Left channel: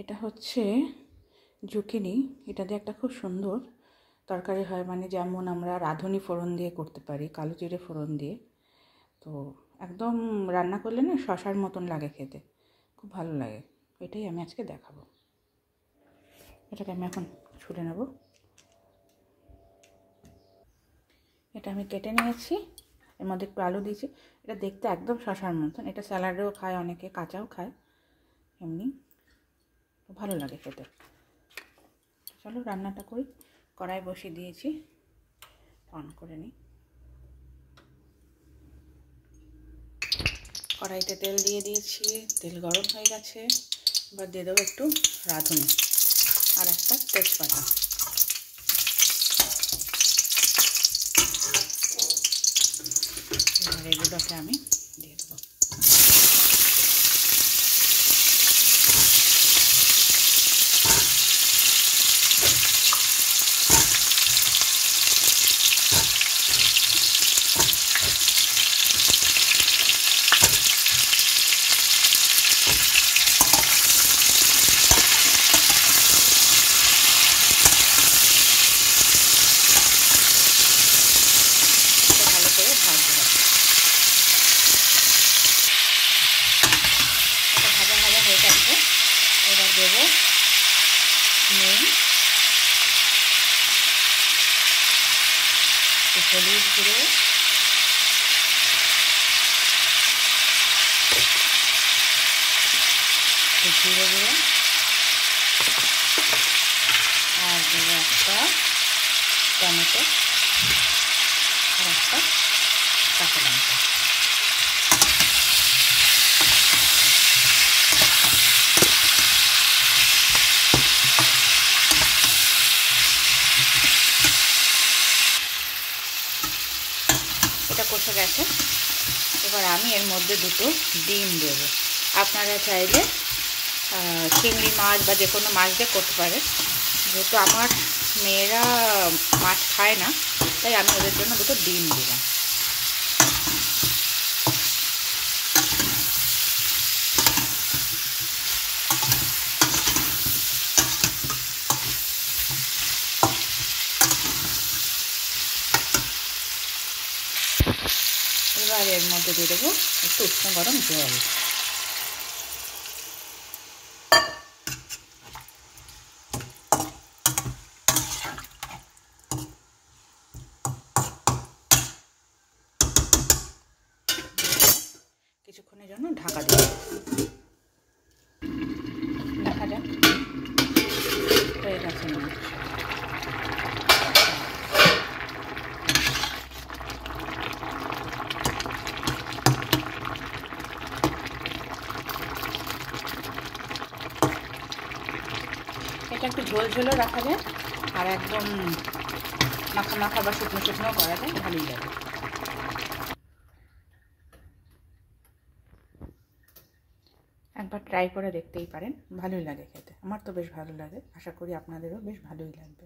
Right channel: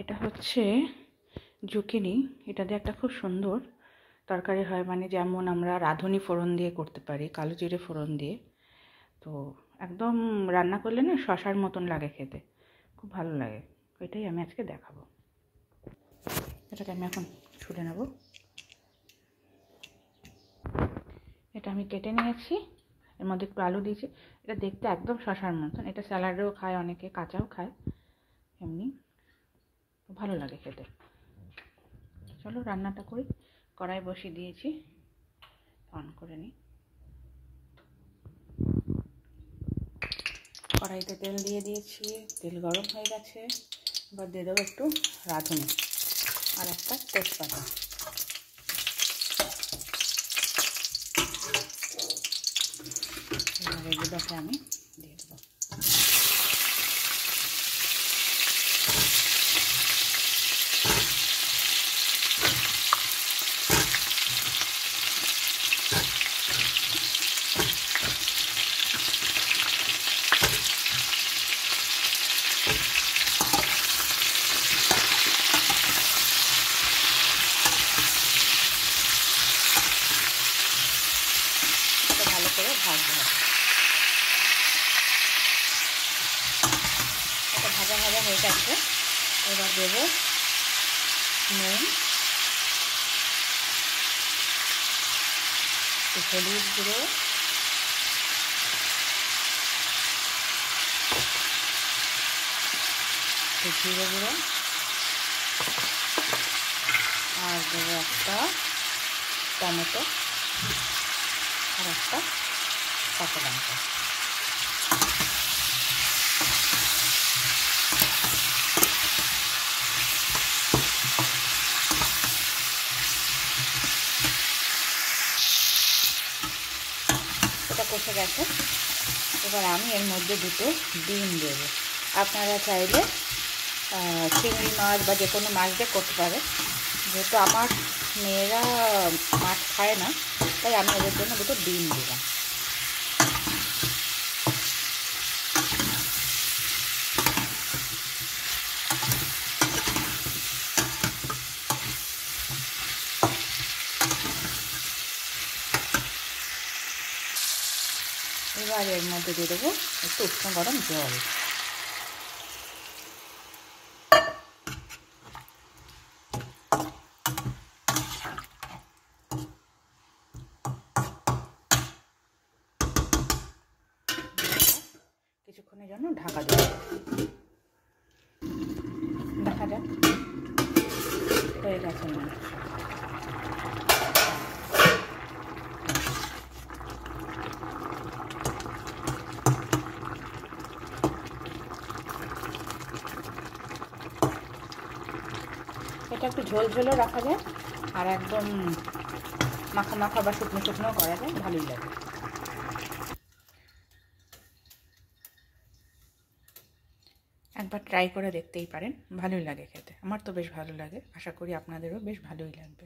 এটা হচ্ছে জুকিনি। এটা দিয়ে একটা খুব সুন্দর তরকারি হয়, মানে যেমন আমরা রাঁধুনি ফোড়ন দিয়ে করতে পারি, কালো জিরে ফোড়ন দিয়ে। তো একদম রান্না করলে না শশার মতন লাগে খেতে, খুব ভালো লাগে। এটাই আমি আজকে দেখাবো। এটাকে আমি এখন ছুলে নেব। এটা আমি কেটে নিয়েছি, এর মধ্যে একটু আলু দিয়েছি। এটা দেখতে একদম শশার মতন। এটা স্যালাডেও খায় অনেকে, কাঁচাও খায়, এমনি ভালো লাগে খেতে। চলো রান্নাটা করি। কড়াই বসিয়ে দিয়েছি, অন করে নিই। কড়াইতে তেল দিয়ে দিয়েছি, তেল গরম হয়ে গেছে। এবার দিয়ে দেবো একটু রাঁধুনি আর একটা তেজপাতা। এবার এগুলোকে আমি দিয়ে দেবো। ভালো করে ভাজতে হবে। এটা ভাজা ভাজা হয়ে গেছে। এবার দেবো নুন, হলুদ গুঁড়ো, জিরে গুঁড়ো, আর দেবো একটা টমেটো আর একটা কাঁচা লঙ্কা। এটা কষে গেছে। এবার আমি এর মধ্যে দুটো ডিম দেবো। আপনারা চাইলে চিংড়ি মাছ বা যে কোনো মাছ দিয়ে করতে পারে। যেহেতু আমার মেয়েরা মাছ খায় না, তাই আমি ওদের জন্য দুটো ডিম দিলাম। এবার এর মধ্যে দিয়ে দেবো একটু উষ্ণ গরম জল। কিছুক্ষণের জন্য ঢাকা দিয়ে দেখা যাক হয়ে গেছে না। এটা একটু ঝোল ঝোলও রাখা যায়, আর একদম মাখা মাখা বা শুকনো শুকনো করা যায়, ভালোই লাগে। একবার ট্রাই করে দেখতেই পারেন, ভালোই লাগে খেতে। আমার তো বেশ ভালো লাগে, আশা করি আপনাদেরও বেশ ভালোই লাগবে।